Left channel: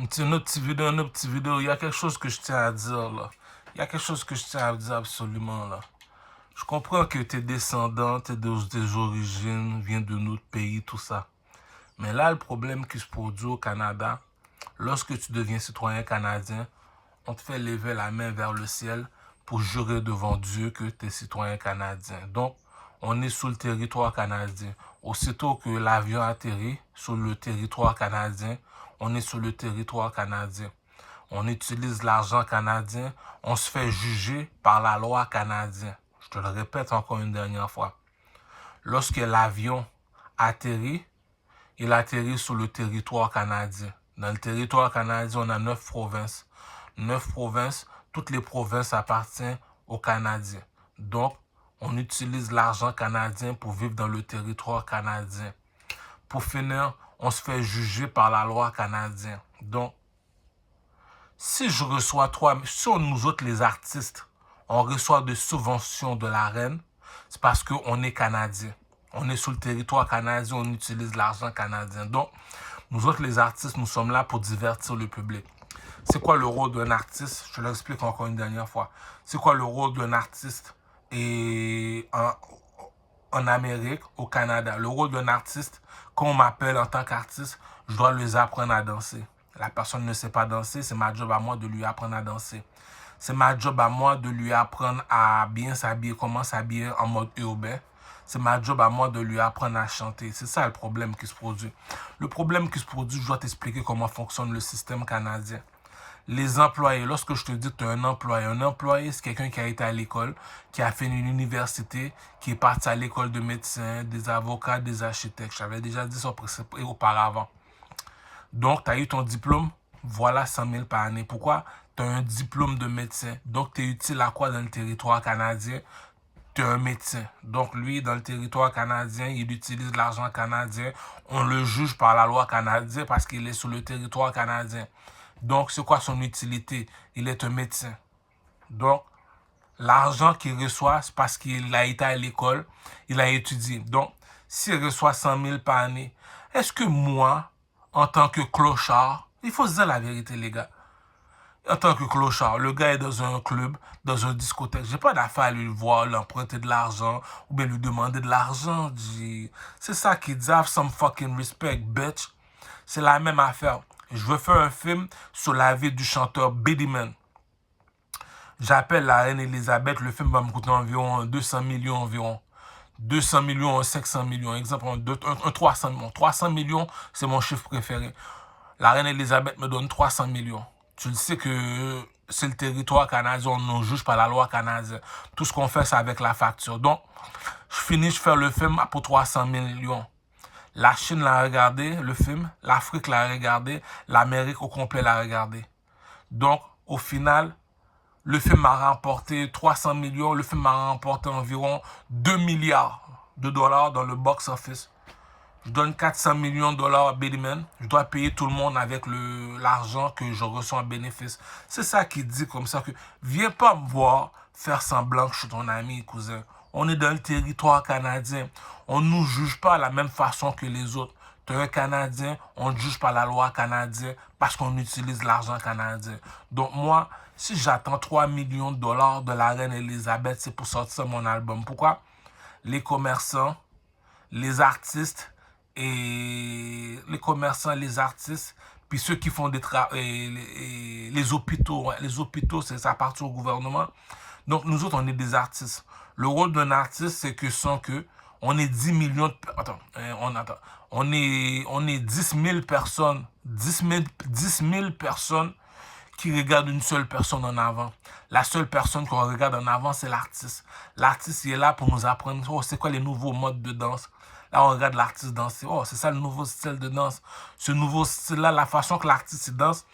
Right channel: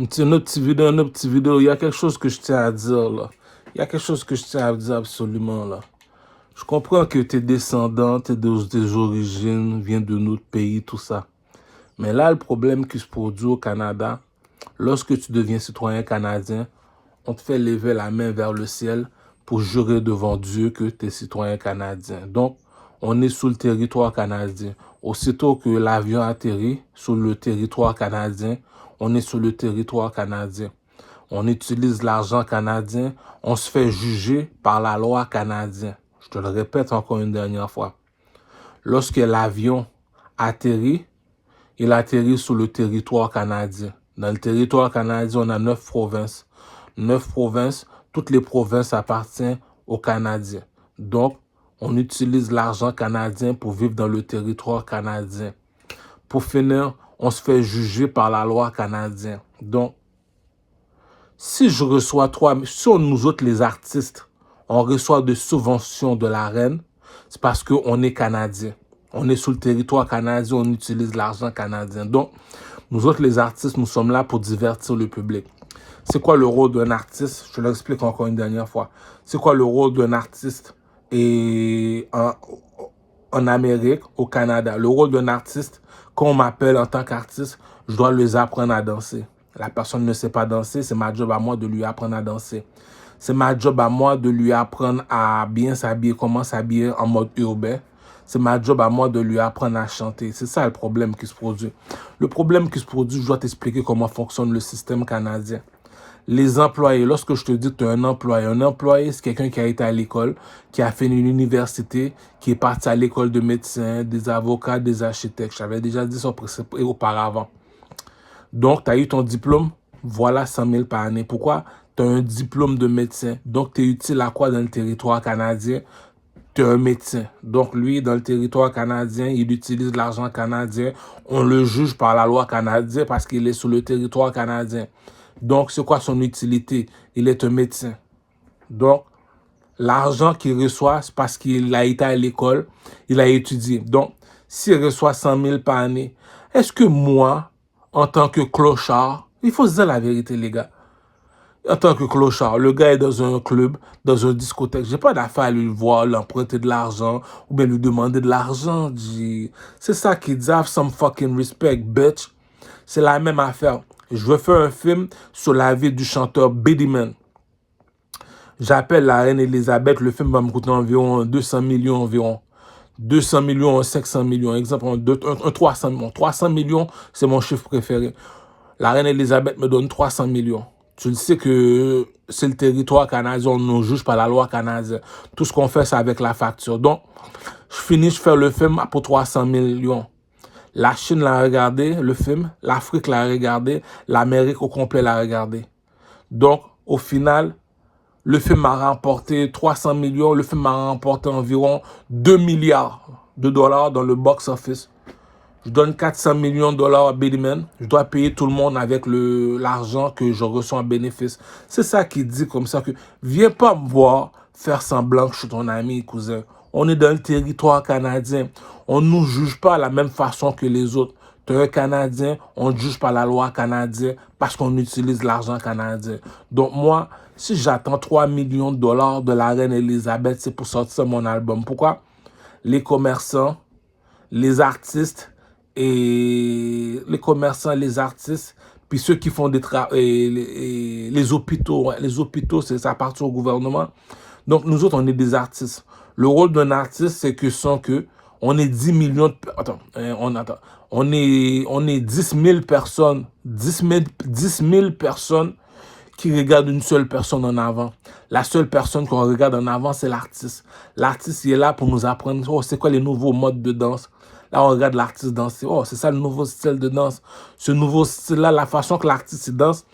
Une petite vidéo, il y a quelque chose que je tiens à dire là. Il y a quelque chose que je tiens à dire absolument là. Je comprends que tes descendants, tes origines, viennent de notre pays, tout ça. Mais là, le problème qui se produit au Canada, lorsque tu deviens citoyen canadien, on te fait lever la main vers le ciel pour jurer devant Dieu que tu es citoyen canadien. Donc, on est sous le territoire canadien. Aussitôt que l'avion atterrit sur le territoire canadien, on est sur le territoire canadien. On utilise l'argent canadien, on se fait juger par la loi canadienne. Je te le répète encore une dernière fois. Lorsque l'avion atterrit, il atterrit sur le territoire canadien. Dans le territoire canadien, on a 9 provinces. 9 provinces, toutes les provinces appartiennent aux Canadiens. Donc, on utilise l'argent canadien pour vivre dans le territoire canadien. Pour finir, on se fait juger par la loi canadienne. Donc, si je reçois nous autres les artistes, on reçoit des subventions de la reine, c'est parce qu'on est Canadien. On est sur le territoire canadien, on utilise l'argent canadien. Donc, nous autres les artistes, nous sommes là pour divertir le public. C'est quoi le rôle d'un artiste? Je te l'explique encore une dernière fois. C'est quoi le rôle d'un artiste en Amérique, au Canada? Le rôle d'un artiste, quand on m'appelle en tant qu'artiste, je dois les apprendre à danser. La personne ne sait pas danser, c'est ma job à moi de lui apprendre à danser. C'est ma job à moi de lui apprendre à bien s'habiller, comment s'habiller en mode urbain. C'est ma job à moi de lui apprendre à chanter. C'est ça le problème qui se produit. Le problème qui se produit, je dois t'expliquer comment fonctionne le système canadien. Les employés, lorsque je te dis que tu es un employé, c'est quelqu'un qui a été à l'école, qui a fait une université, qui est parti à l'école de médecins, des avocats, des architectes. J'avais déjà dit ça auparavant. Donc, tu as eu ton diplôme, voilà 100 000 par année. Pourquoi? Tu as un diplôme de médecin. Donc, tu es utile à quoi dans le territoire canadien? Tu es un médecin. Donc, lui, dans le territoire canadien, il utilise l'argent canadien. On le juge par la loi canadienne parce qu'il est sur le territoire canadien. Donc, c'est quoi son utilité? Il est un médecin. Donc, l'argent qu'il reçoit, c'est parce qu'il a été à l'école, il a étudié. Donc, s'il reçoit 100 000 par année, est-ce que moi, en tant que clochard, il faut se dire la vérité, les gars. En tant que clochard, le gars est dans un club, dans une discothèque. J'ai pas d'affaire à lui voir, lui emprunter de l'argent ou bien lui demander de l'argent. C'est ça qui dit, have some fucking respect, bitch. C'est la même affaire. Je veux faire un film sur la vie du chanteur Beenie Man. J'appelle la reine Elisabeth, le film va me coûter environ 200 millions environ. 200 millions, 500 millions. Exemple, un 300 millions. 300 millions, c'est mon chiffre préféré. La reine Elisabeth me donne 300 millions. Tu le sais que c'est le territoire canadien, on ne juge pas la loi canadienne. Tout ce qu'on fait, c'est avec la facture. Donc, je fais le film pour 300 millions. La Chine l'a regardé, le film. L'Afrique l'a regardé. L'Amérique au complet l'a regardé. Donc, au final, le film m'a remporté 300 millions. Le film m'a remporté environ 2 milliards de dollars dans le box-office. Je donne 400 millions de dollars à Beenie Man. Je dois payer tout le monde avec l'argent que je reçois en bénéfice. C'est ça qui dit comme ça que viens pas me voir faire semblant que je suis ton ami, cousin. On est dans le territoire canadien. On ne nous juge pas de la même façon que les autres. Tu es un Canadien, on ne juge pas la loi canadienne parce qu'on utilise l'argent canadien. Donc moi, si j'attends 3 millions de dollars de la reine Elisabeth, c'est pour sortir mon album. Pourquoi? Les commerçants, les artistes, et les commerçants, les artistes, puis ceux qui font des les hôpitaux. Les hôpitaux, ça appartient au gouvernement. Donc, nous autres, on est des artistes. Le rôle d'un artiste, c'est que on est 10 millions de... On est 10 000 personnes, 10 000 personnes qui regardent une seule personne en avant. La seule personne qu'on regarde en avant, c'est l'artiste. L'artiste, il est là pour nous apprendre, oh, c'est quoi les nouveaux modes de danse. Là, on regarde l'artiste danser. Oh, c'est ça le nouveau style de danse. Ce nouveau style-là, la façon que l'artiste danse,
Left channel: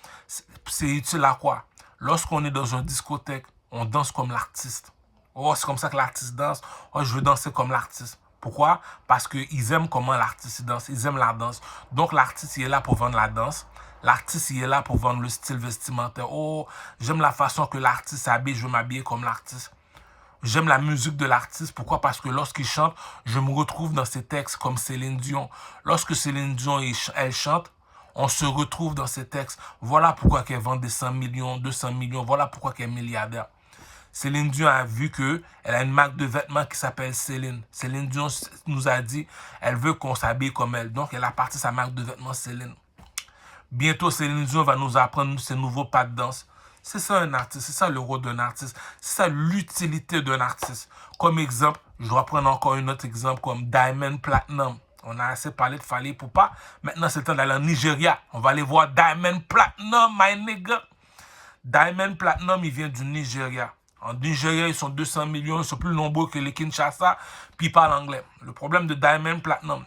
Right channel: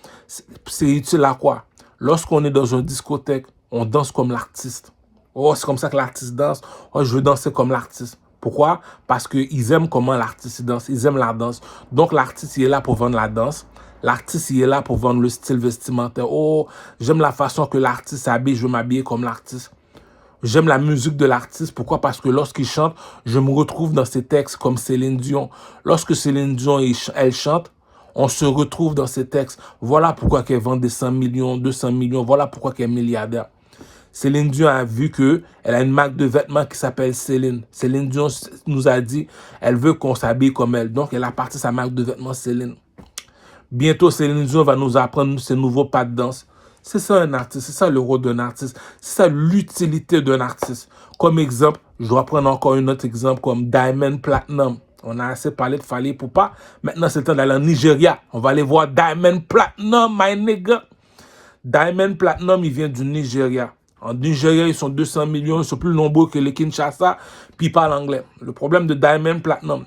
c'est utile à quoi? Lorsqu'on est dans une discothèque, on danse comme l'artiste. Oh, c'est comme ça que l'artiste danse. Oh, je veux danser comme l'artiste. Pourquoi? Parce qu'ils aiment comment l'artiste danse. Ils aiment la danse. Donc, l'artiste, il est là pour vendre la danse. L'artiste, il est là pour vendre le style vestimentaire. Oh, j'aime la façon que l'artiste s'habille. Je veux m'habiller comme l'artiste. J'aime la musique de l'artiste. Pourquoi? Parce que lorsqu'il chante, je me retrouve dans ses textes comme Céline Dion. Lorsque Céline Dion, elle chante, On se retrouve dans ces textes. Voilà pourquoi qu'elle vend des 100 millions, 200 millions. Voilà pourquoi qu'elle est milliardaire. Céline Dion a vu qu'elle a une marque de vêtements qui s'appelle Céline. Céline Dion nous a dit elle veut qu'on s'habille comme elle. Donc, elle a parti sa marque de vêtements Céline. Bientôt, Céline Dion va nous apprendre ses nouveaux pas de danse. C'est ça un artiste, c'est ça le rôle d'un artiste, c'est ça l'utilité d'un artiste. Comme exemple, je dois prendre encore un autre exemple comme Diamond Platnumz. On a assez parlé de Fally Ipupa. Maintenant, c'est le temps d'aller en Nigeria. On va aller voir Diamond Platnumz, my nigga. Diamond Platnumz, il vient du Nigeria. En Nigeria, ils sont 200 millions, ils sont plus nombreux que les Kinshasa, puis ils parlent anglais. Le problème de Diamond Platnumz,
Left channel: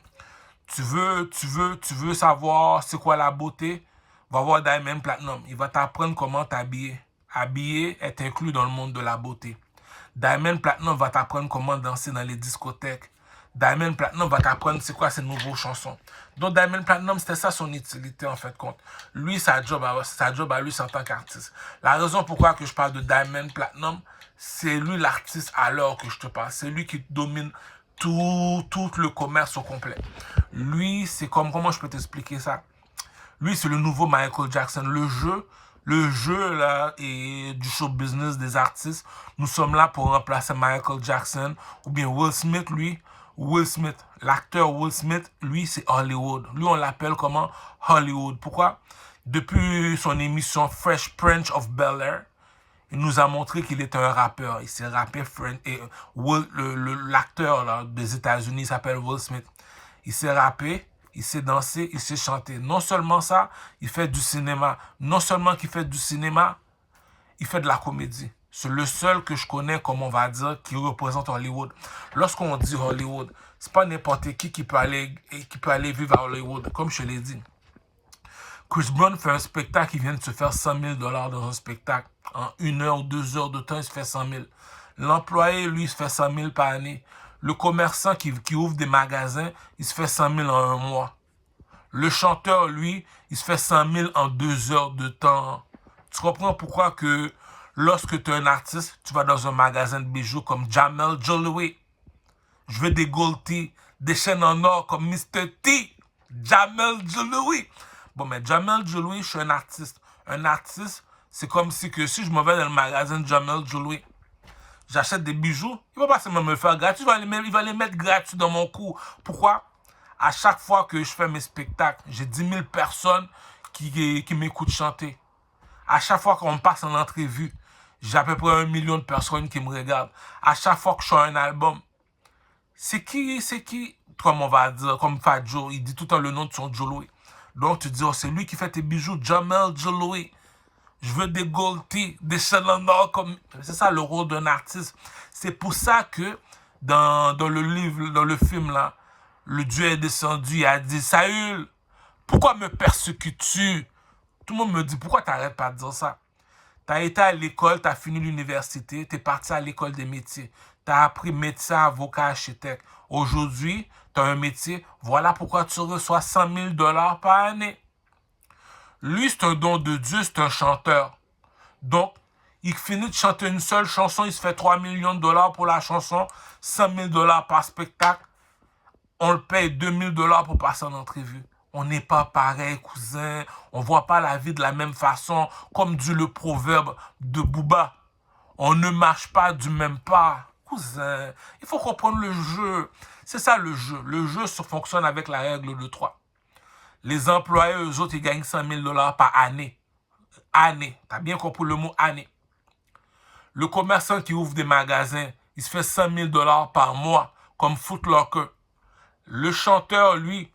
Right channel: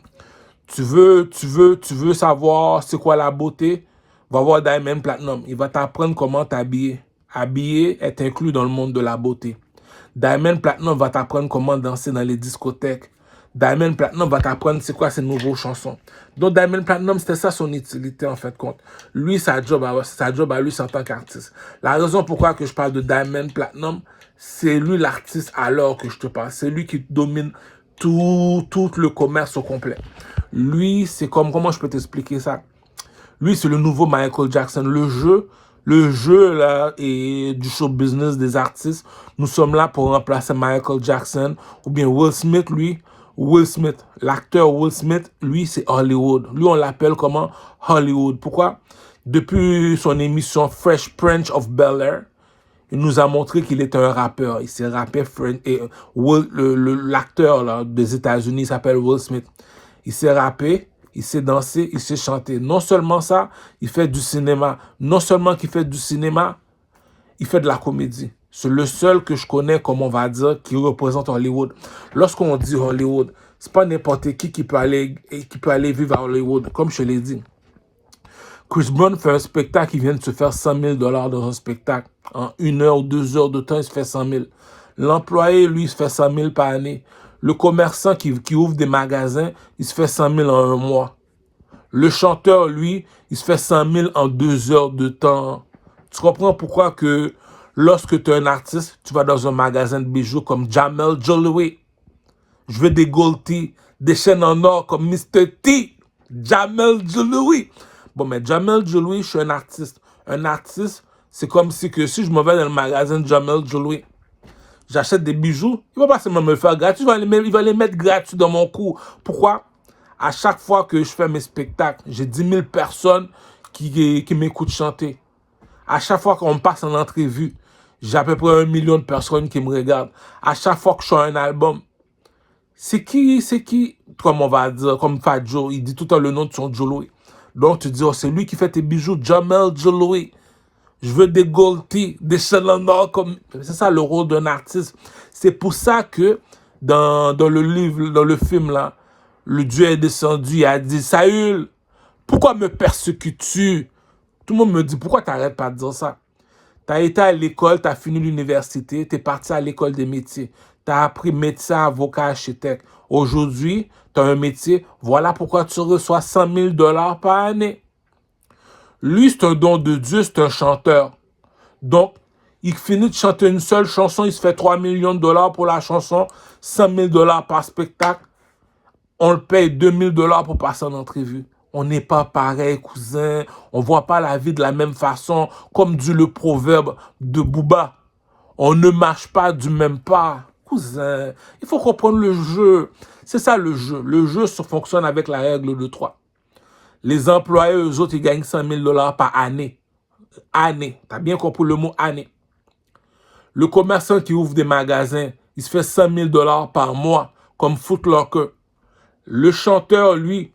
tu veux savoir c'est quoi la beauté, va voir Diamond Platnumz. Il va t'apprendre comment t'habiller. Habiller est inclus dans le monde de la beauté. Diamond Platnumz va t'apprendre comment danser dans les discothèques. Diamond Platnumz va t'apprendre c'est quoi ses nouveaux chansons. Donc Diamond Platnumz, c'était ça son utilité en fait compte. Lui, sa job à lui, c'est en tant qu'artiste. La raison pourquoi que je parle de Diamond Platnumz, c'est lui l'artiste alors que je te parle. C'est lui qui domine tout le commerce au complet. Lui, c'est comme, comment je peux t'expliquer ça? Lui, c'est le nouveau Michael Jackson. Le jeu là, et du show business des artistes, nous sommes là pour remplacer Michael Jackson ou bien Will Smith, lui. Will Smith, l'acteur Will Smith, lui, c'est Hollywood. Lui, on l'appelle comment? Hollywood. Pourquoi? Depuis son émission Fresh Prince of Bel-Air, il nous a montré qu'il était un rappeur. Il s'est rappé, et l'acteur des États-Unis s'appelle Will Smith. Il s'est rappé, il s'est dansé, il s'est chanté. Non seulement ça, il fait du cinéma. Non seulement qu'il fait du cinéma, il fait de la comédie. C'est le seul que je connais, comme on va dire, qui représente Hollywood. Lorsqu'on dit Hollywood, c'est pas n'importe qui peut aller vivre à Hollywood, comme je l'ai dit. Chris Brown fait un spectacle, il vient de se faire 100 000 $ dans un spectacle. En 1 heure ou 2 heures de temps, il se fait 100 000. L'employé, lui, il se fait 100 000 par année. Le commerçant qui ouvre des magasins, il se fait 100 000 en un mois. Le chanteur, lui, il se fait 100 000 en 2 heures de temps. Tu comprends pourquoi que lorsque tu es un artiste, tu vas dans un magasin de bijoux comme Jamel Jewelry. Je veux des gold teeth, des chaînes en or comme Mr. T. Jamel Jewelry. Bon, mais Jamel Jewelry, je suis un artiste. Un artiste, c'est comme si je me vais dans le magasin de Jamel Jewelry, j'achète des bijoux, il va pas seulement me le faire gratuit, il va les mettre gratuits dans mon coût. Pourquoi? À chaque fois que je fais mes spectacles, j'ai 10 000 personnes qui m'écoutent chanter. À chaque fois qu'on me passe en entrevue, j'ai à peu près 1 million de personnes qui me regardent. À chaque fois que je fais un album, c'est qui, comme on va dire, comme Fat Joe, il dit tout le temps le nom de son jewelry. Donc tu dis, oh, c'est lui qui fait tes bijoux, Jamel Jewelry. Je veux des gold teeth, des chaînes en or comme... C'est ça le rôle d'un artiste. C'est pour ça que dans le livre, dans le film là, le Dieu est descendu, il a dit, Saül, pourquoi me persécutes-tu? Tout le monde me dit, pourquoi tu n'arrêtes pas de dire ça? Tu as été à l'école, tu as fini l'université, tu es parti à l'école des métiers. Tu as appris médecin, avocat, architecte. Aujourd'hui, tu as un métier. Voilà pourquoi tu reçois 100 000 $ par année. Lui, c'est un don de Dieu, c'est un chanteur. Donc, il finit de chanter une seule chanson, il se fait 3 millions de $ pour la chanson, 100 000 $ par spectacle. On le paye 2 000 $ pour passer en entrevue. On n'est pas pareil, cousin. On ne voit pas la vie de la même façon. Comme dit le proverbe de Booba, on ne marche pas du même pas. Cousin, il faut comprendre le jeu. C'est ça le jeu. Le jeu fonctionne avec la règle de 3. Les employés, eux autres, ils gagnent 100 000 $ par année. Année. Tu as bien compris le mot année. Le commerçant qui ouvre des magasins, il se fait 100 000 $ par mois, comme Foot Locker. Le chanteur, lui,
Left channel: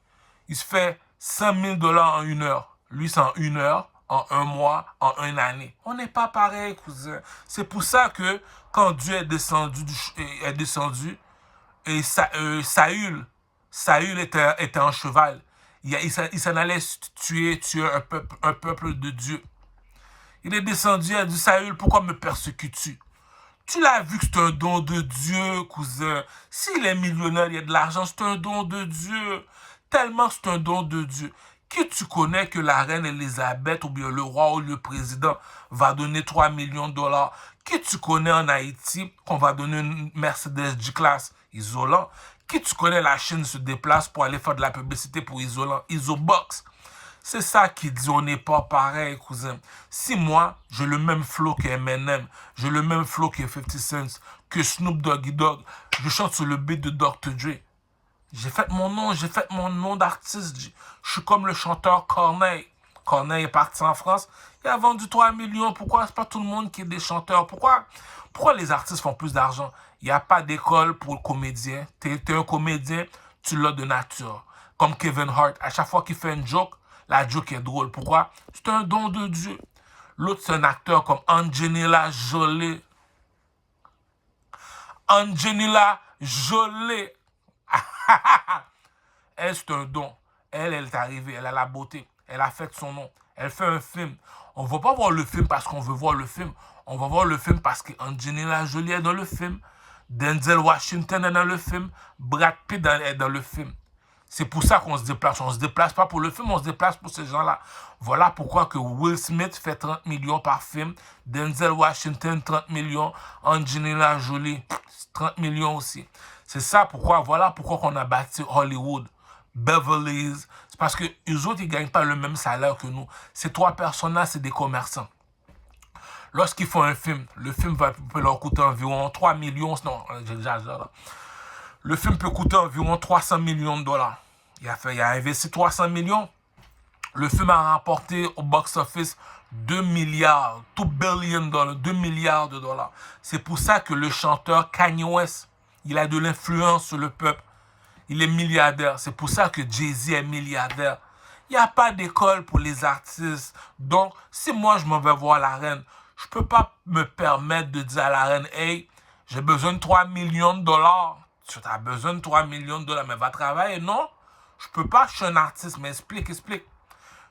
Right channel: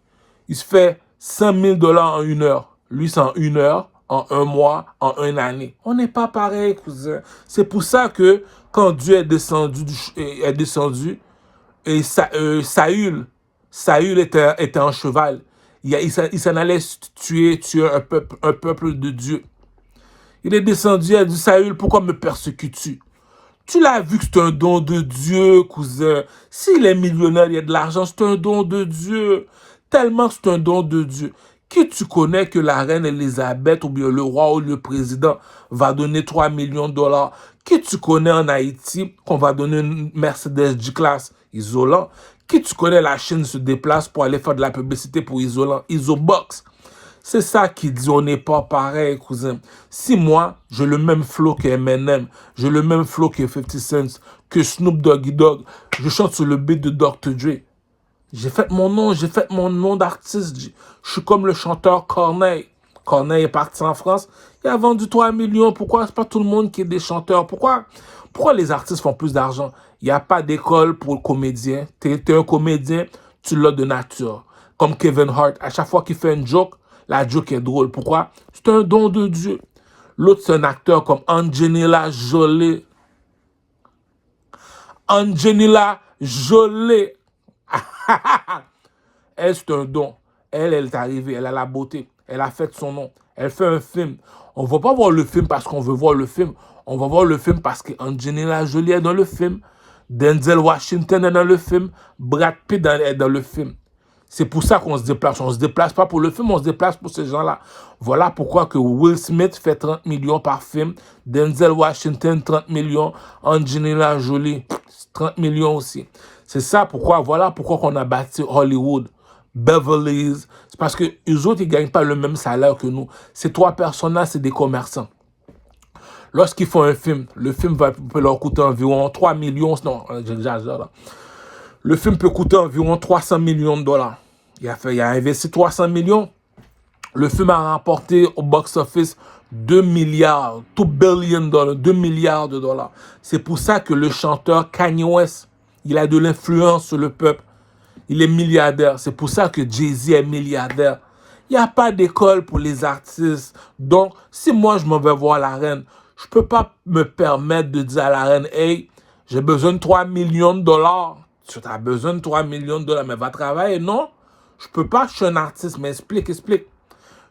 il se fait 100 000 $ en 1 heure. Lui, c'est en 1 heure, en 1 mois, en 1 année. On n'est pas pareil, cousin. C'est pour ça que quand Dieu est descendu, et Saül était en cheval. Il s'en allait tuer un peuple de Dieu. Il est descendu et a dit, Saül, pourquoi me persécutes-tu? Tu l'as vu que c'est un don de Dieu, cousin. S'il est millionnaire, il y a de l'argent, c'est un don de Dieu. Tellement c'est un don de Dieu. Qui tu connais que la reine Elisabeth ou bien le roi ou le président va donner 3 millions de $? Qui tu connais en Haïti qu'on va donner une Mercedes G-Class isolant? Qui tu connais la Chine se déplace pour aller faire de la publicité pour isolant? Isobox. C'est ça qui dit, on n'est pas pareil, cousin. Si moi, j'ai le même flow que Eminem, j'ai le même flow que 50 Cent, que Snoop Doggy Dogg, je chante sur le beat de Dr. Dre. J'ai fait mon nom, j'ai fait mon nom d'artiste. Je suis comme le chanteur Corneille. Corneille est parti en France, il a vendu 3 millions. Pourquoi c'est pas tout le monde qui est des chanteurs? Pourquoi les artistes font plus d'argent? Il n'y a pas d'école pour le comédien. Tu es un comédien, tu l'as de nature. Comme Kevin Hart, à chaque fois qu'il fait une joke, la joke est drôle. Pourquoi? C'est un don de Dieu. L'autre, c'est un acteur comme Angelina Jolie. Angelina Jolie. Elle, c'est un don. Elle est arrivée, elle a la beauté. Elle a fait son nom. Elle fait un film. On ne va pas voir le film parce qu'on veut voir le film. On va voir le film parce qu'Angelina Jolie est dans le film. Denzel Washington est dans le film. Brad Pitt est dans le film. C'est pour ça qu'on se déplace. On ne se déplace pas pour le film, on se déplace pour ces gens-là. Voilà pourquoi que Will Smith fait 30 millions par film. Denzel Washington, 30 millions. Angelina Jolie, 30 millions aussi. C'est ça pourquoi, voilà pourquoi qu'on a bâti Hollywood. Beverly Hills. C'est parce que les autres, ils ne gagnent pas le même salaire que nous. Ces trois personnes-là, c'est des commerçants. Lorsqu'ils font un film, le film peut leur coûter environ 3 millions. Non, j'exagère là. Le film peut coûter environ 300 millions de dollars. Il a investi 300 millions. Le film a remporté au box-office 2 milliards, 2 billion dollars, 2 milliards de dollars. C'est pour ça que le chanteur Kanye West, il a de l'influence sur le peuple. Il est milliardaire. C'est pour ça que Jay-Z est milliardaire. Il n'y a pas d'école pour les artistes. Donc, si moi, je m'en vais voir la reine, je ne peux pas me permettre de dire à la reine, « Hey, j'ai besoin de 3 millions de dollars. » Tu as besoin de 3 millions de dollars, mais va travailler. Non, je ne peux pas, je suis un artiste. Mais explique.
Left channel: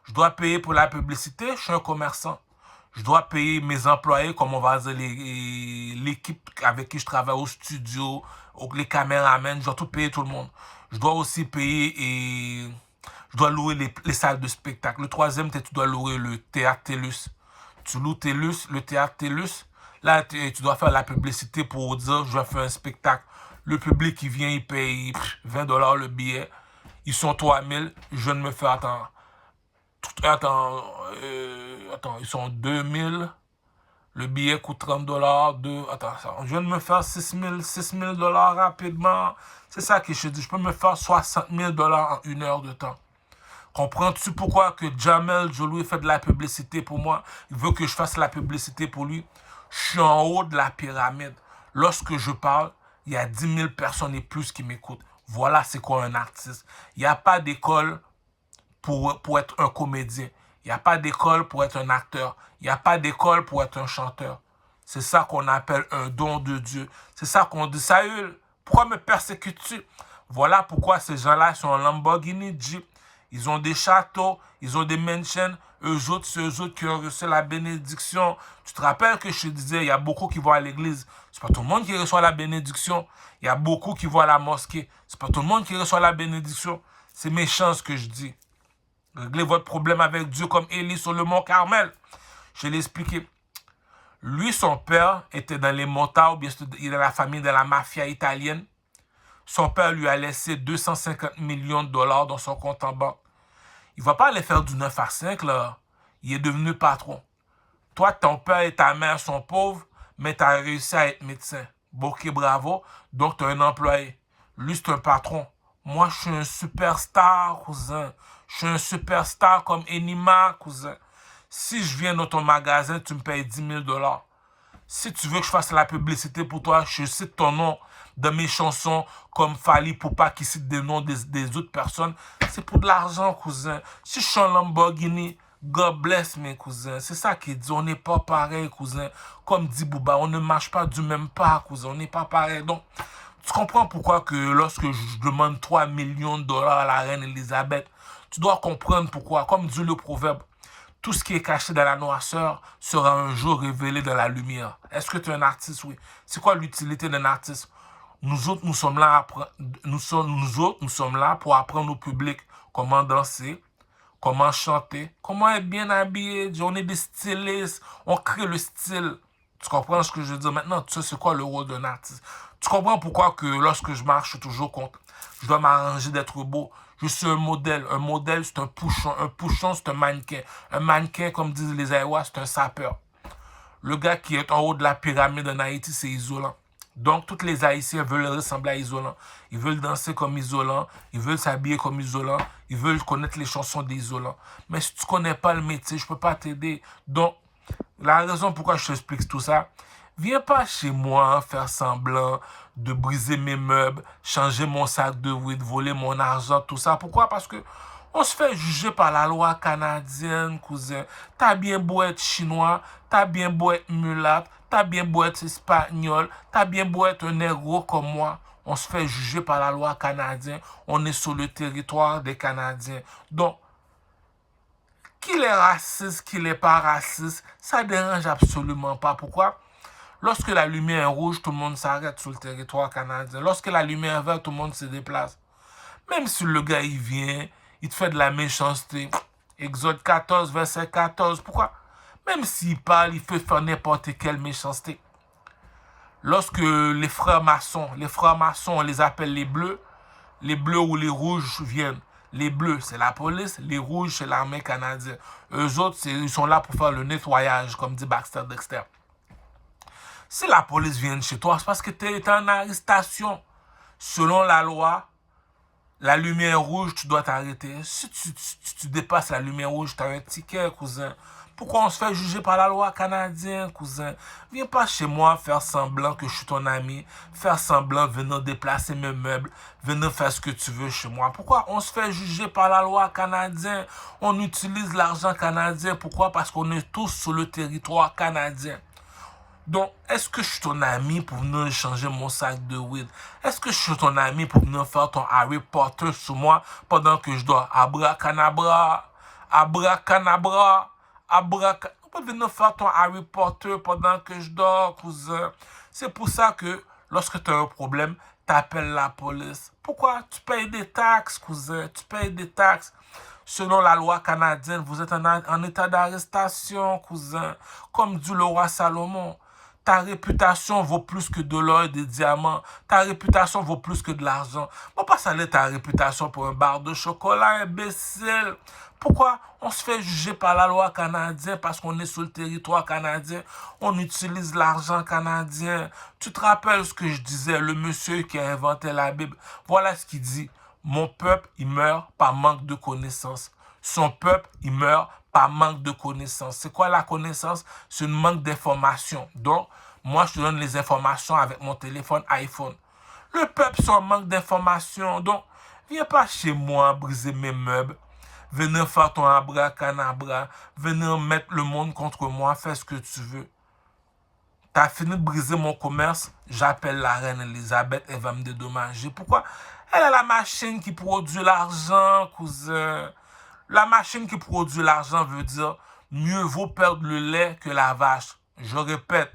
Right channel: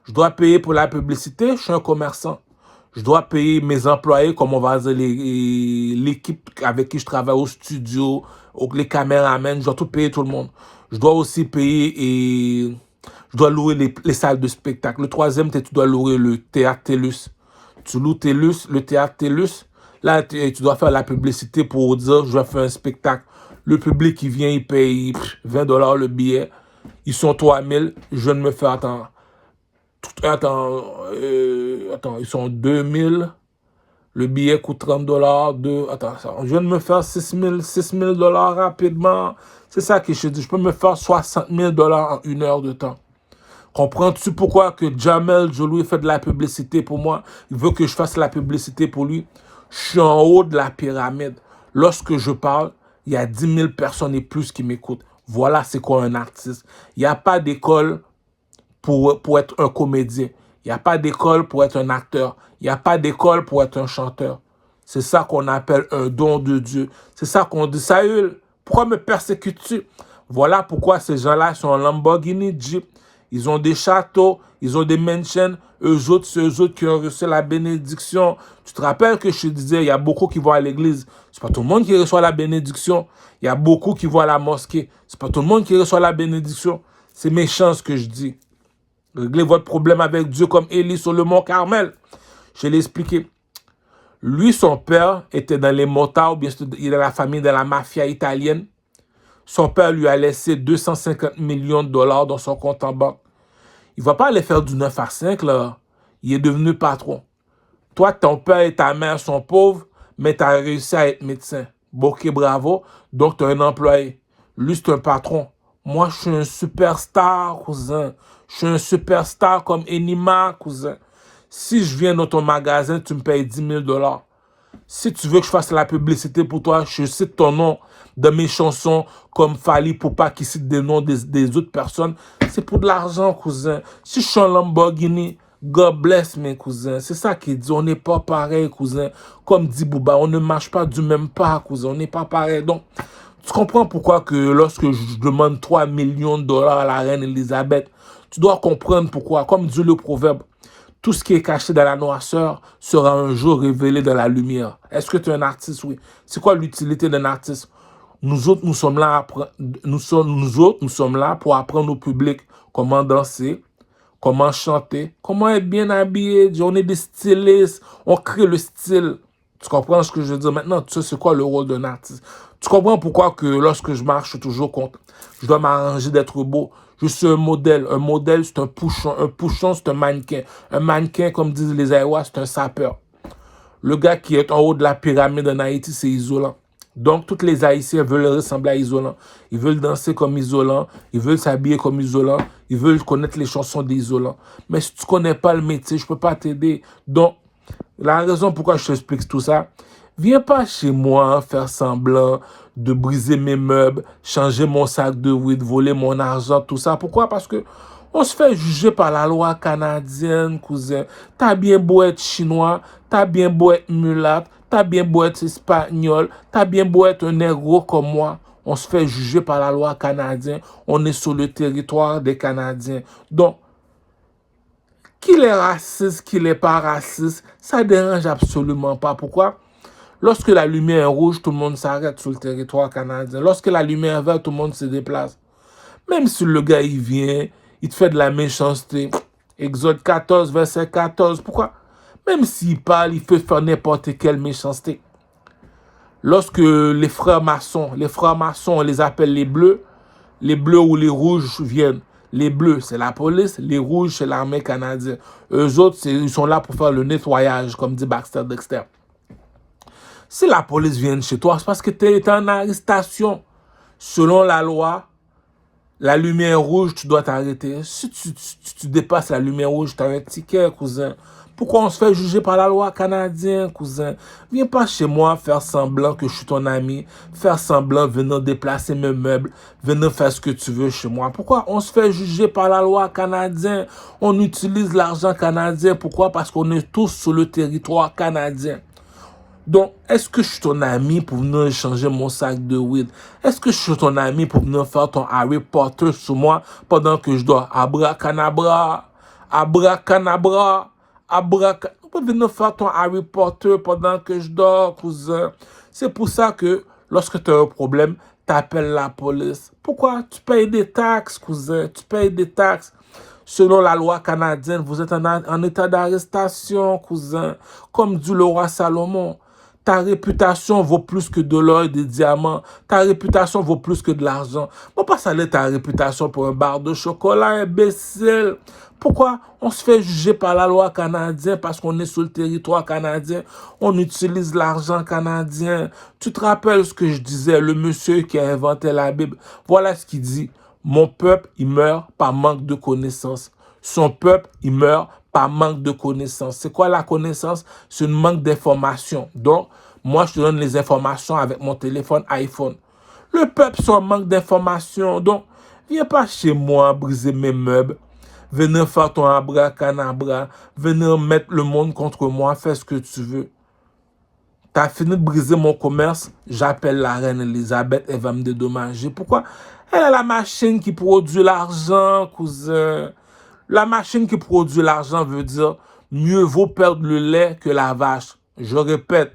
Je dois payer pour la publicité, je suis un commerçant. Je dois payer mes employés, comme on va dire, l'équipe avec qui je travaille au studio, les caméramans, je dois tout payer tout le monde. Je dois aussi payer et je dois louer les salles de spectacle. Le troisième, tu dois louer le théâtre TELUS. Tu loues TELUS, le théâtre TELUS. Là, tu dois faire la publicité pour dire, je vais faire un spectacle. Le public qui vient, il paye 20 dollars le billet. Ils sont 3000. Je viens de me faire attendre. Attends, ils sont 2000. Le billet coûte 30 dollars. Je viens de me faire 6 000 dollars rapidement. C'est ça que je te dis. Je peux me faire 60 000 dollars en 1 heure de temps. Comprends-tu pourquoi que Jamel Jolie fait de la publicité pour moi? Il veut que je fasse la publicité pour lui. Je suis en haut de la pyramide. Lorsque je parle, il y a 10 000 personnes et plus qui m'écoutent. Voilà c'est quoi un artiste. Il n'y a pas d'école pour être un comédien. Il n'y a pas d'école pour être un acteur. Il n'y a pas d'école pour être un chanteur. C'est ça qu'on appelle un don de Dieu. C'est ça qu'on dit. Saül, pourquoi me persécutes-tu? Voilà pourquoi ces gens-là sont en Lamborghini Jeep. Ils ont des châteaux, ils ont des mansions. Eux autres, c'est eux autres qui ont reçu la bénédiction. Tu te rappelles que je te disais, il y a beaucoup qui vont à l'église. C'est pas tout le monde qui reçoit la bénédiction. Il y a beaucoup qui vont à la mosquée. C'est pas tout le monde qui reçoit la bénédiction. C'est méchant ce que je dis. Réglez votre problème avec Dieu comme Élie sur le mont Carmel. Je l'ai expliqué. Lui, son père était dans les motards, bien sûr, il est dans la famille de la mafia italienne. Son père lui a laissé 250 millions de dollars dans son compte en banque. Il ne va pas aller faire du 9 à 5, là. Il est devenu patron. Toi, ton père et ta mère sont pauvres, mais tu as réussi à être médecin. Ok, bravo. Donc, tu as un employé. Lui, c'est un patron. Moi, je suis un superstar, cousin. Je suis un superstar comme Enima, cousin. Si je viens dans ton magasin, tu me payes 10 000 dollars. Si tu veux que je fasse la publicité pour toi, je cite ton nom dans mes chansons comme Fali Poupa qui cite des noms des autres personnes. C'est pour de l'argent, cousin. Si je suis un Lamborghini, God bless mes cousins. C'est ça qu'il dit. On n'est pas pareil, cousin. Comme dit Bouba, on ne marche pas du même pas, cousin. On n'est pas pareil. Donc, tu comprends pourquoi que lorsque je demande 3 millions de dollars à la reine Elisabeth, tu dois comprendre pourquoi. Comme dit le proverbe, tout ce qui est caché dans la noirceur sera un jour révélé dans la lumière. Est-ce que tu es un artiste? Oui. C'est quoi l'utilité d'un artiste? Nous autres, nous sommes là pour apprendre au public comment danser, comment chanter, comment être bien habillé. On est des stylistes, on crée le style. Tu comprends ce que je veux dire? Maintenant, tu sais c'est quoi le rôle d'un artiste. Tu comprends pourquoi que lorsque je marche, je suis toujours content. Je dois m'arranger d'être beau. Je suis un modèle. Un modèle, c'est un pouchon. Un pouchon, c'est un mannequin. Un mannequin, comme disent les Aïwas, c'est un sapeur. Le gars qui est en haut de la pyramide en Haïti, c'est Isolant. Donc, tous les Haïtiens veulent ressembler à Isolant. Ils veulent danser comme Isolant. Ils veulent s'habiller comme Isolant. Ils veulent connaître les chansons d'Isolant. Mais si tu ne connais pas le métier, je ne peux pas t'aider. Donc, la raison pourquoi je t'explique tout ça, viens pas chez moi faire semblant de briser mes meubles, changer mon sac de weed, voler mon argent, tout ça. Pourquoi? Parce que on se fait juger par la loi canadienne, cousin. T'as bien beau être chinois, t'as bien beau être mulâtre, t'as bien beau être espagnol, t'as bien beau être un négro comme moi. On se fait juger par la loi canadienne. On est sur le territoire des Canadiens. Donc, qu'il est raciste, qu'il n'est pas raciste, ça ne dérange absolument pas. Pourquoi? Lorsque la lumière est rouge, tout le monde s'arrête sur le territoire canadien. Lorsque la lumière est verte, tout le monde se déplace. Même si le gars, il vient, il te fait de la méchanceté. Exode 14, verset 14. Pourquoi? Même s'il parle, il peut faire n'importe quelle méchanceté. Lorsque les frères maçons, on les appelle les bleus ou les rouges viennent. Les bleus, c'est la police. Les rouges, c'est l'armée canadienne. Eux autres, ils sont là pour faire le nettoyage, comme dit Baxter Dexter. Si la police vient chez toi, c'est parce que tu es en arrestation. Selon la loi, la lumière rouge, tu dois t'arrêter. Si tu dépasses la lumière rouge, tu as un ticket, cousin. Pourquoi on se fait juger par la loi canadienne, cousin? Viens pas chez moi faire semblant que je suis ton ami, faire semblant venir déplacer mes meubles, venir faire ce que tu veux chez moi. Pourquoi on se fait juger par la loi canadienne? On utilise l'argent canadien. Pourquoi? Parce qu'on est tous sur le territoire canadien. Donc, est-ce que je suis ton ami pour venir échanger mon sac de weed? Est-ce que je suis ton ami pour venir faire ton Harry Potter sur moi pendant que je dors? Abracadabra, abracadabra, abracadabra. On peut venir faire ton Harry Potter pendant que je dors, cousin. C'est pour ça que lorsque tu as un problème, tu appelles la police. Pourquoi? Tu payes des taxes, cousin. Tu payes des taxes. Selon la loi canadienne, vous êtes en état d'arrestation, cousin. Comme dit le roi Salomon. Ta réputation vaut plus que de l'or et des diamants. Ta réputation vaut plus que de l'argent. Faut pas saler ta réputation pour un bar de chocolat, imbécile. Pourquoi on se fait juger par la loi canadienne parce qu'on est sur le territoire canadien? On utilise l'argent canadien. Tu te rappelles ce que je disais, le monsieur qui a inventé la Bible? Voilà ce qu'il dit. Mon peuple, il meurt par manque de connaissance. Son peuple, il meurt par manque de connaissance. C'est quoi la connaissance? C'est un manque d'information. Donc, moi, je te donne les informations avec mon téléphone iPhone. Le peuple, c'est un manque d'information. Donc, viens pas chez moi briser mes meubles. Venir faire ton abracadabra. Venir mettre le monde contre moi. Fais ce que tu veux. Tu as fini de briser mon commerce. J'appelle la reine Elisabeth. Elle va me dédommager. Pourquoi? Elle a la machine qui produit l'argent, cousin. La machine qui produit l'argent veut dire mieux vaut perdre le lait que la vache. Je répète,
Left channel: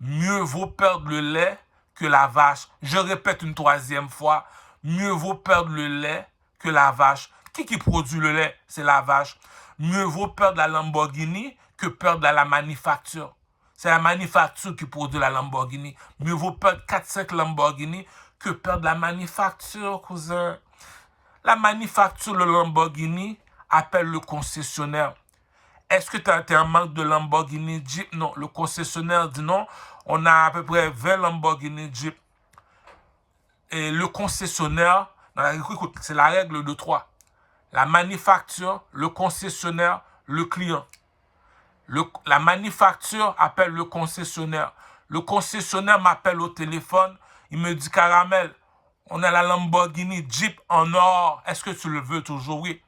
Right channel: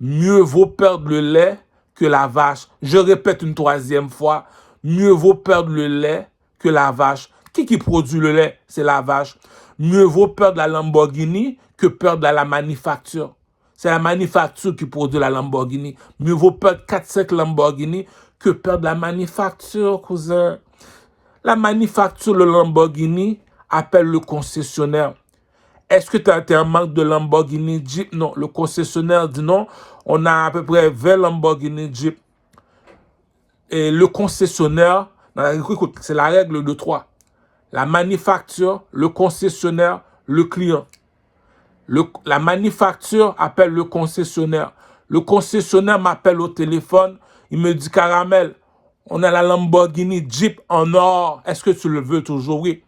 mieux vaut perdre le lait que la vache. Je répète une troisième fois, mieux vaut perdre le lait que la vache. Qui produit le lait? C'est la vache. Mieux vaut perdre la Lamborghini que perdre la manufacture. C'est la manufacture qui produit la Lamborghini. Mieux vaut perdre 4-5 Lamborghini que perdre la manufacture, cousin. La manufacture, le Lamborghini, appelle le concessionnaire. Est-ce que tu as un manque de Lamborghini Jeep? Non. Le concessionnaire dit non. On a à peu près 20 Lamborghini Jeep. Et le concessionnaire, écoute, c'est la règle de 3. La manufacture, le concessionnaire, le client. La manufacture appelle le concessionnaire. Le concessionnaire m'appelle au téléphone. Il me dit, Caramel, on a la Lamborghini Jeep en or. Est-ce que tu le veux toujours? Oui.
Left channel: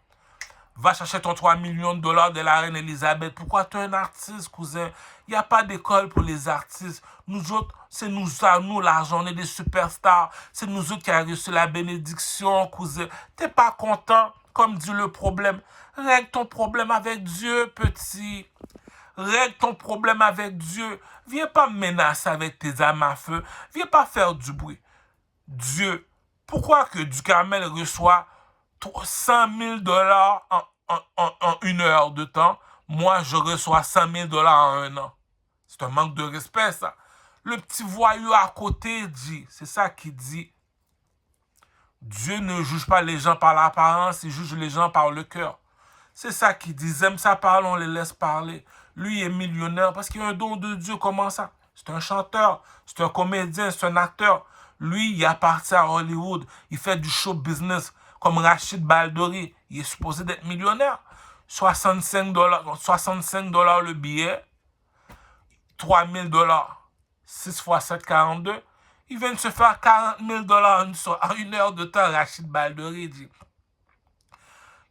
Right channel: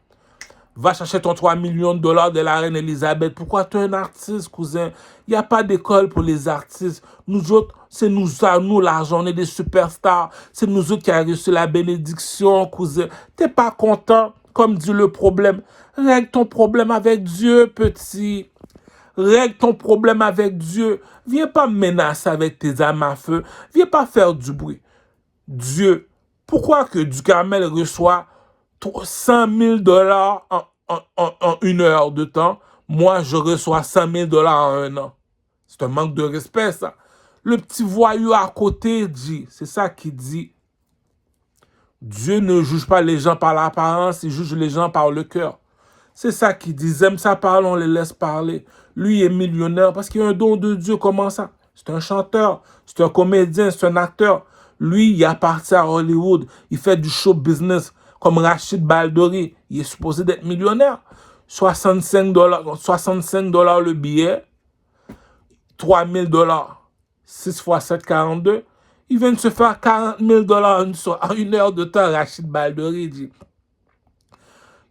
Va chercher ton 3 millions de dollars de la reine Elisabeth. Pourquoi tu es un artiste, cousin? Il n'y a pas d'école pour les artistes. Nous autres, c'est nous l'argent. On est des superstars. C'est nous autres qui avons reçu la bénédiction, cousin. Tu n'es pas content, comme dit le problème. Règle ton problème avec Dieu, petit. Règle ton problème avec Dieu. Viens pas me menacer avec tes armes à feu. Viens pas faire du bruit. Dieu, pourquoi que Ducamel reçoit 100 000 dollars en 1 heure de temps? Moi, je reçois 100 000 dollars en 1 an. C'est un manque de respect, ça. Le petit voyou à côté dit, c'est ça qu'il dit. Dieu ne juge pas les gens par l'apparence, il juge les gens par le cœur. C'est ça qu'il dit. Ils aiment ça parler, on les laisse parler. Lui est millionnaire parce qu'il a un don de Dieu. Comment ça? C'est un chanteur, c'est un comédien, c'est un acteur. Lui, il appartient à Hollywood. Il fait du show business comme Rachid Baldori. Il est supposé d'être millionnaire. 65 dollars le billet. 3000 dollars. 6 fois 7, 42. Il vient de se faire 40 000 dollars en une heure de temps. Rachid Baldori dit.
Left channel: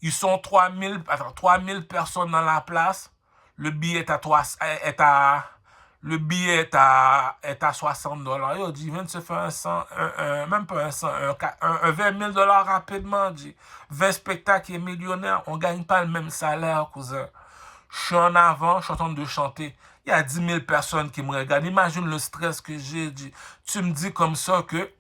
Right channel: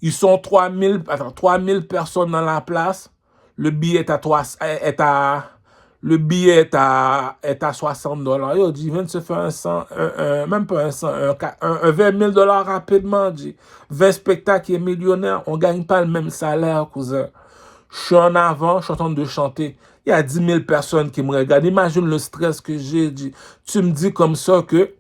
Ils sont 3000 personnes dans la place. Le billet est à 60 dollars. Il dit, il vient de se faire même pas un 20 000 dollars rapidement. Dit. 20 spectacles, il est millionnaire. On ne gagne pas le même salaire, cousin. Je suis en avant, je suis en train de chanter. Il y a 10 000 personnes qui me regardent. Imagine le stress que j'ai. Dit. Tu me dis comme ça que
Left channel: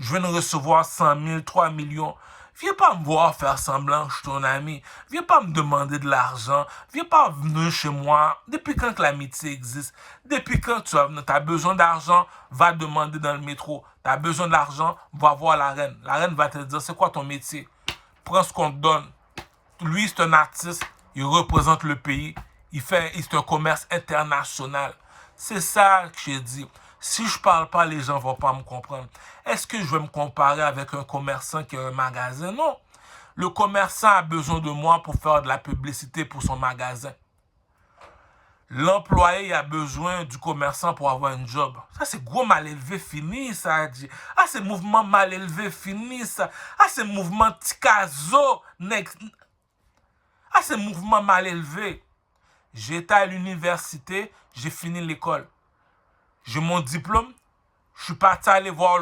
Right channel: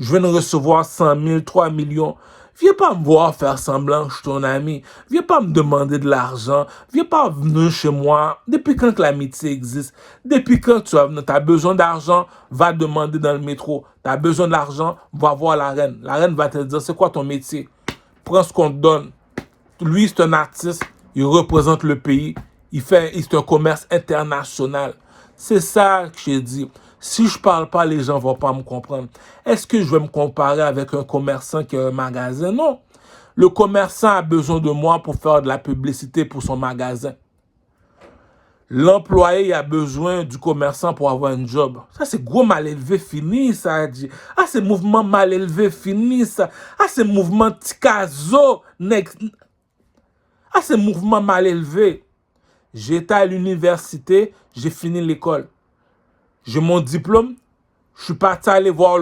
je viens de recevoir 100 000, 3 millions. Viens pas me voir faire semblant que je suis ton ami. Viens pas me demander de l'argent. Viens pas venir chez moi. Depuis quand que l'amitié existe? Depuis quand tu as besoin d'argent, va demander dans le métro. Tu as besoin d'argent, va voir la reine. La reine va te dire, c'est quoi ton métier? Prends ce qu'on te donne. Lui, c'est un artiste. Il représente le pays. C'est un commerce international. C'est ça que j'ai dit. Si je parle pas, les gens vont pas me comprendre. Est-ce que je vais me comparer avec un commerçant qui a un magasin? Non. Le commerçant a besoin de moi pour faire de la publicité pour son magasin. L'employé a besoin du commerçant pour avoir un job. Ça, c'est gros mal élevé fini, ça dit. Ah, c'est mouvement mal élevé fini, ça. Ah, c'est mouvement Tikazo. Ah, c'est mouvement mal élevé. J'étais à l'université, j'ai fini l'école. J'ai mon diplôme, je suis parti aller voir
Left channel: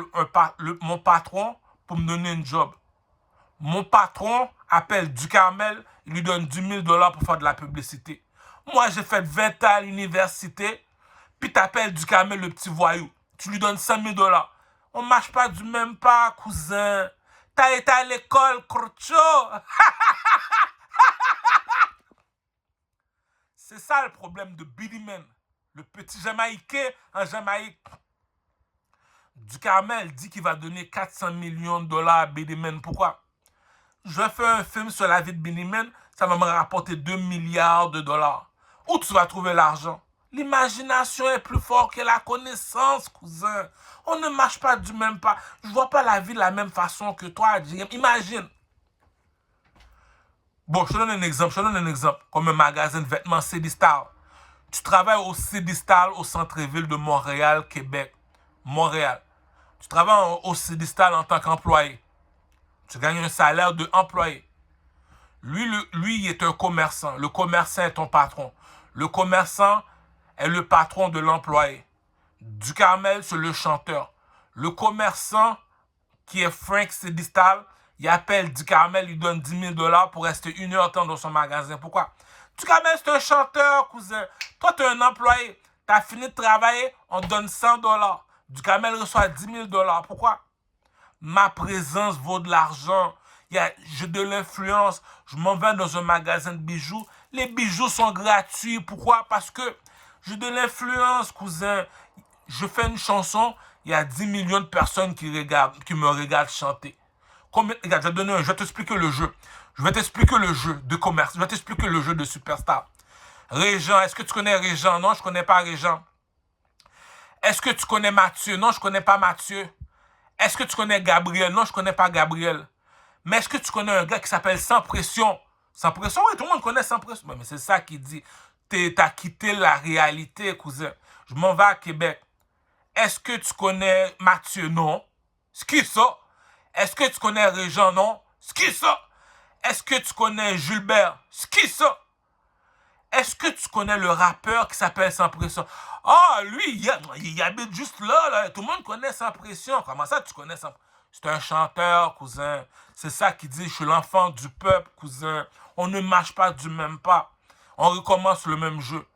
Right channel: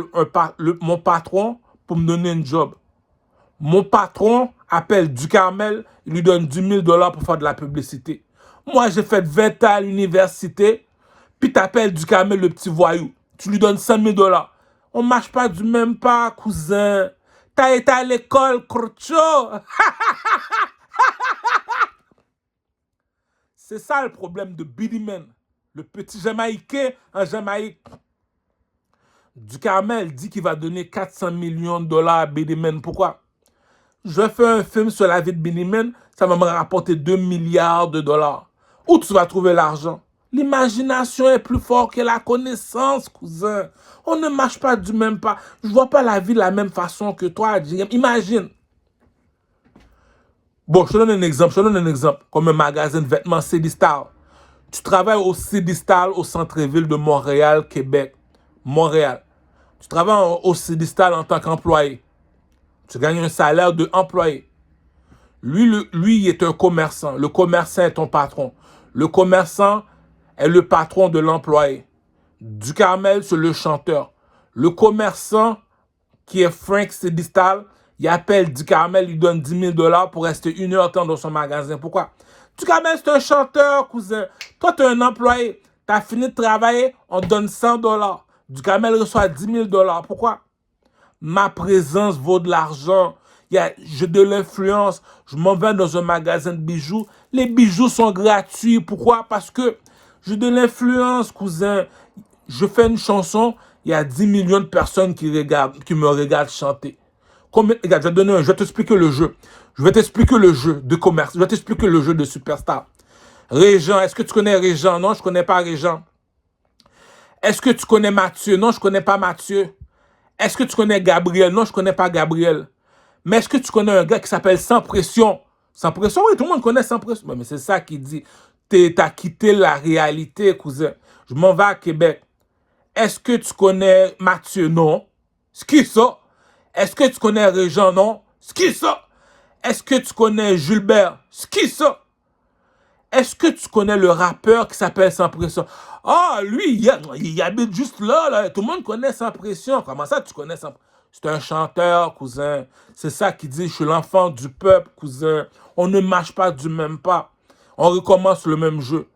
mon patron pour me donner un job. Mon patron appelle Ducarmel, il lui donne 10 000 dollars pour faire de la publicité. Moi, j'ai fait 20 ans à l'université, puis tu appelles Ducarmel le petit voyou. Tu lui donnes 100 000 dollars. On ne marche pas du même pas, cousin. T'as été à l'école, crocho. C'est ça le problème de Billy Man, le petit Jamaïcain en Jamaïque. Ducarmel dit qu'il va donner 400 millions de dollars à Billy Man. Pourquoi? Je fais un film sur la vie de Billy Man, ça va me rapporter 2 milliards de dollars. Où tu vas trouver l'argent? L'imagination est plus forte que la connaissance, cousin. On ne marche pas du même pas. Je ne vois pas la vie de la même façon que toi. Imagine. Bon, je te donne un exemple. Comme un magasin de vêtements Cdistal. Tu travailles au Cdistal au centre-ville de Montréal, Québec. Montréal. Tu travailles au Cdistal en tant qu'employé. Tu gagnes un salaire d'employé. Lui, il est un commerçant. Le commerçant est ton patron. Le commerçant est le patron de l'employé. Ducarmel, c'est le chanteur. Le commerçant, qui est Frank Cdistal, il appelle Ducarmel, il donne 10 000 dollars pour rester 1 heure de temps dans son magasin. Pourquoi? Ducarmel, c'est un chanteur, cousin. Toi, tu es un employé. Tu as fini de travailler, on te donne 100 dollars. Ducarmel reçoit 10 000 dollars. Pourquoi? Ma présence vaut de l'argent. J'ai de l'influence. Je m'en vais dans un magasin de bijoux. Les bijoux sont gratuits. Pourquoi? Parce que j'ai de l'influence, cousin. Je fais une chanson, il y a 10 millions de personnes qui me regardent chanter. Regarde, je vais t'expliquer le jeu. Je vais t'expliquer le jeu de commerce. Je vais t'expliquer le jeu de superstar. Régent, est-ce que tu connais Régent? Non, je ne connais pas Régent. Est-ce que tu connais Mathieu? Non, je ne connais pas Mathieu. Est-ce que tu connais Gabriel? Non, je ne connais pas Gabriel. Mais est-ce que tu connais un gars qui s'appelle Sans Pression? Sans Pression, oui, tout le monde connaît Sans Pression. Mais c'est ça qui dit. T'as quitté la réalité, cousin. Je m'en vais à Québec. Est-ce que tu connais Mathieu? Non. C'est qui ça? Est-ce que tu connais Régent? Non. C'est qui ça? Est-ce que tu connais Gilbert? C'est qui ça? Est-ce que tu connais le rappeur qui s'appelle Sans Pression? Ah, lui, il habite juste là. Tout le monde connaît Sans Pression. Comment ça, tu connais Sans Pression? C'est un chanteur, cousin. C'est ça qui dit, je suis l'enfant du peuple, cousin. On ne marche pas du même pas. On recommence le même jeu.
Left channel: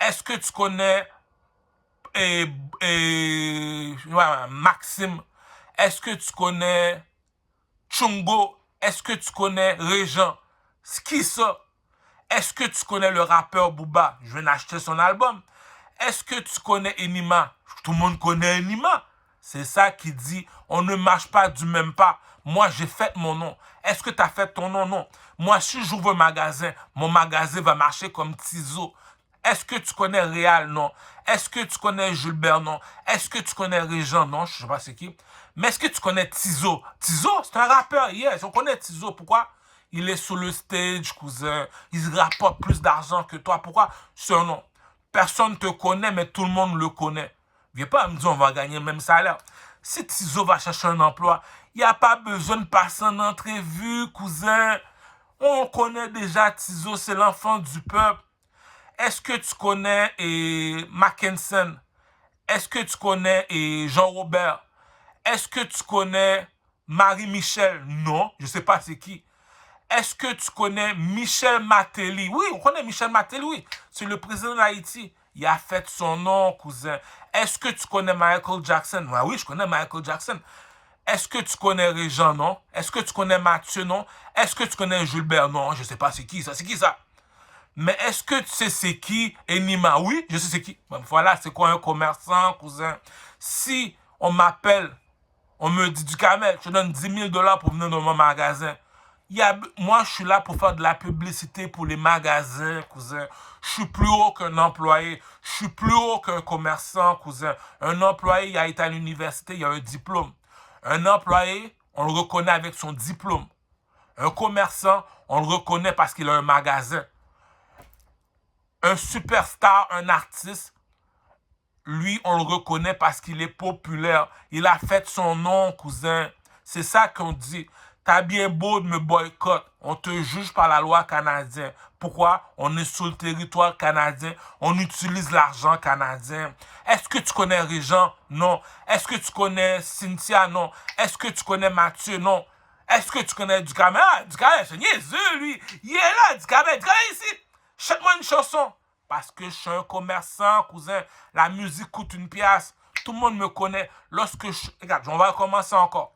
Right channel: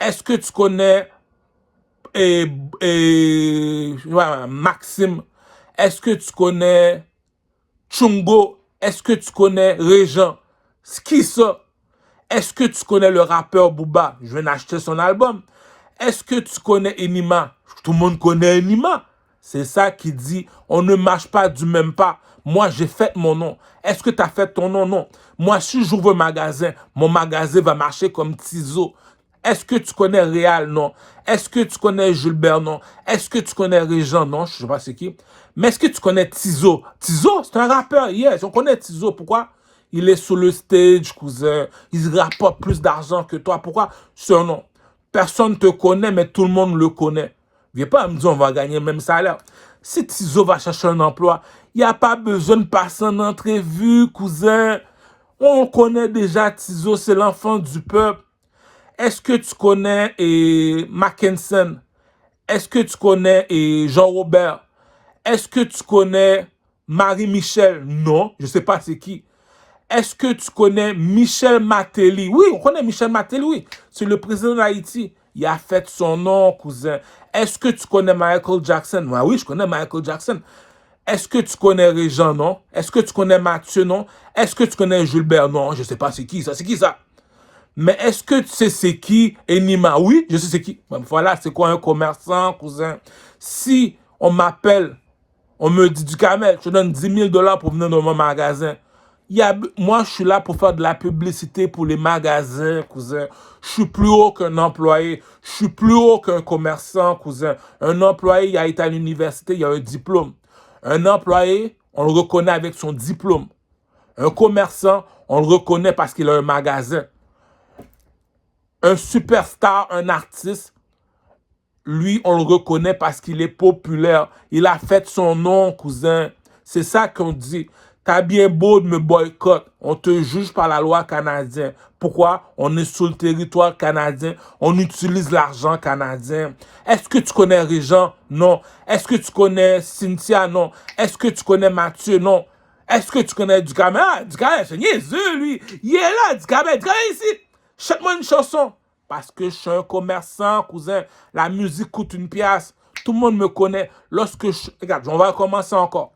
Est-ce que tu connais Maxime? Est-ce que tu connais Chungo? Est-ce que tu connais Régent? C'est qui ça? Est-ce que tu connais le rappeur Booba? Je viens d'acheter son album. Est-ce que tu connais Enima? Tout le monde connaît Enima. C'est ça qui dit, on ne marche pas du même pas. Moi, j'ai fait mon nom. Est-ce que tu as fait ton nom? Non. Moi, si j'ouvre un magasin, mon magasin va marcher comme Tizo. Est-ce que tu connais Réal? Non. Est-ce que tu connais Gilbert? Non. Est-ce que tu connais Régent? Non, je ne sais pas c'est qui. Mais est-ce que tu connais Tizo? Tizo, c'est un rappeur, yes. On connaît Tizo. Pourquoi? Il est sur le stage, cousin. Il rapporte plus d'argent que toi. Pourquoi? C'est un nom. Personne ne te connaît, mais tout le monde le connaît. Viens pas me dire on va gagner le même salaire. Si Tizo va chercher un emploi, il n'y a pas besoin de passer en entrevue, cousin. On connaît déjà Tizo, c'est l'enfant du peuple. Est-ce que tu connais Mackinson? Est-ce que tu connais Jean-Robert? Est-ce que tu connais Marie-Michel? Non, je ne sais pas c'est qui. Est-ce que tu connais Michel Martelly? Oui, on connaît Michel Martelly, oui. C'est le président d'Haïti. Il a fait son nom, cousin. Est-ce que tu connais Michael Jackson? Ah oui, je connais Michael Jackson. Est-ce que tu connais Régent? Non. Est-ce que tu connais Mathieu? Non. Est-ce que tu connais Gilbert? Non, je ne sais pas c'est qui ça. C'est qui ça? Mais est-ce que tu sais c'est qui Enima? Oui, je sais c'est qui. Bon, voilà, c'est quoi un commerçant, cousin? Si on m'appelle, on me dit du camel, je donne 10 000 $ pour venir dans mon magasin. Moi, je suis là pour faire de la publicité pour les magasins, cousin. Je suis plus haut qu'un employé. Je suis plus haut qu'un commerçant, cousin. Un employé, il a été à l'université, il a un diplôme. Un employé, on le reconnaît avec son diplôme. Un commerçant, on le reconnaît parce qu'il a un magasin. Un superstar, un artiste, lui, on le reconnaît parce qu'il est populaire. Il a fait son nom, cousin. C'est ça qu'on dit. T'as bien beau de me boycotter. On te juge par la loi canadienne. Pourquoi? On est sur le territoire canadien. On utilise l'argent canadien. Est-ce que tu connais Régent? Non. Est-ce que tu connais Cynthia? Non. Est-ce que tu connais Mathieu? Non. Est-ce que tu connais Ducamel? Ah, Ducamel, c'est niaiseux, lui. Il est là, Ducamel. Ducamel ici. Chante-moi une chanson. Parce que je suis un commerçant, cousin. La musique coûte 1$. Tout le monde me connaît. Regarde, on va commencer encore.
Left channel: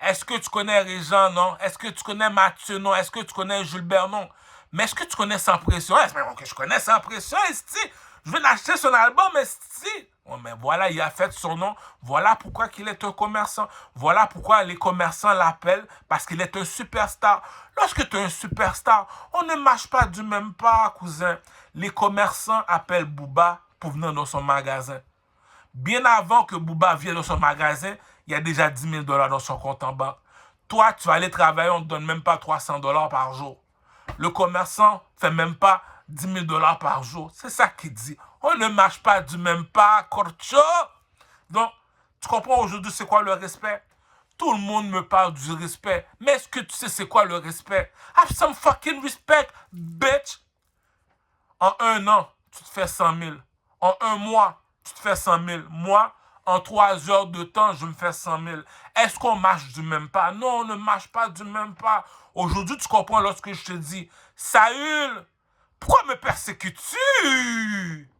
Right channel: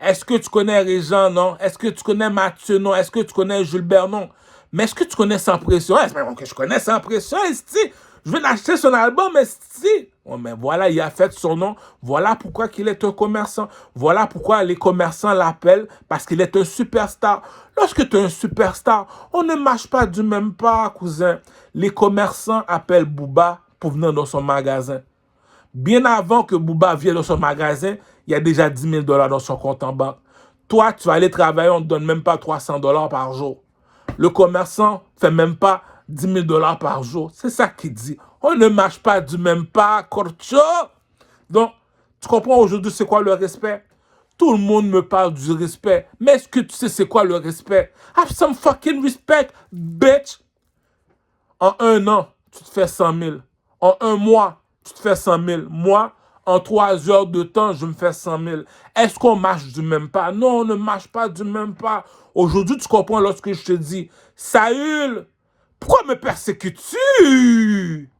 Est-ce que tu connais Régent? Non. Est-ce que tu connais Mathieu? Non. Est-ce que tu connais Gilbert? Non. Mais est-ce que tu connais Sans Pression? Est-ce que je connais Sans Pression, esti? Je vais acheter son album, esti. Oh, mais voilà, il a fait son nom. Voilà pourquoi il est un commerçant. Voilà pourquoi les commerçants l'appellent, parce qu'il est un superstar. Lorsque tu es un superstar, on ne marche pas du même pas, cousin. Les commerçants appellent Booba pour venir dans son magasin. Bien avant que Booba vienne dans son magasin, il y a déjà 10 000 $ dans son compte en banque. Toi, tu vas aller travailler, on ne te donne même pas 300 $ par jour. Le commerçant ne fait même pas 10 000 $ par jour. C'est ça qu'il dit. On ne marche pas du même pas, Corcho. Donc, tu comprends aujourd'hui c'est quoi le respect? Tout le monde me parle du respect. Mais est-ce que tu sais c'est quoi le respect? Have some fucking respect, bitch. En un an, tu te fais 100 000. En un mois, tu te fais 100 000. Moi, en 3 heures de temps, je me fais 100 000. Est-ce qu'on marche du même pas? Non, on ne marche pas du même pas. Aujourd'hui, tu comprends lorsque je te dis, Saül, pourquoi me persécutes-tu?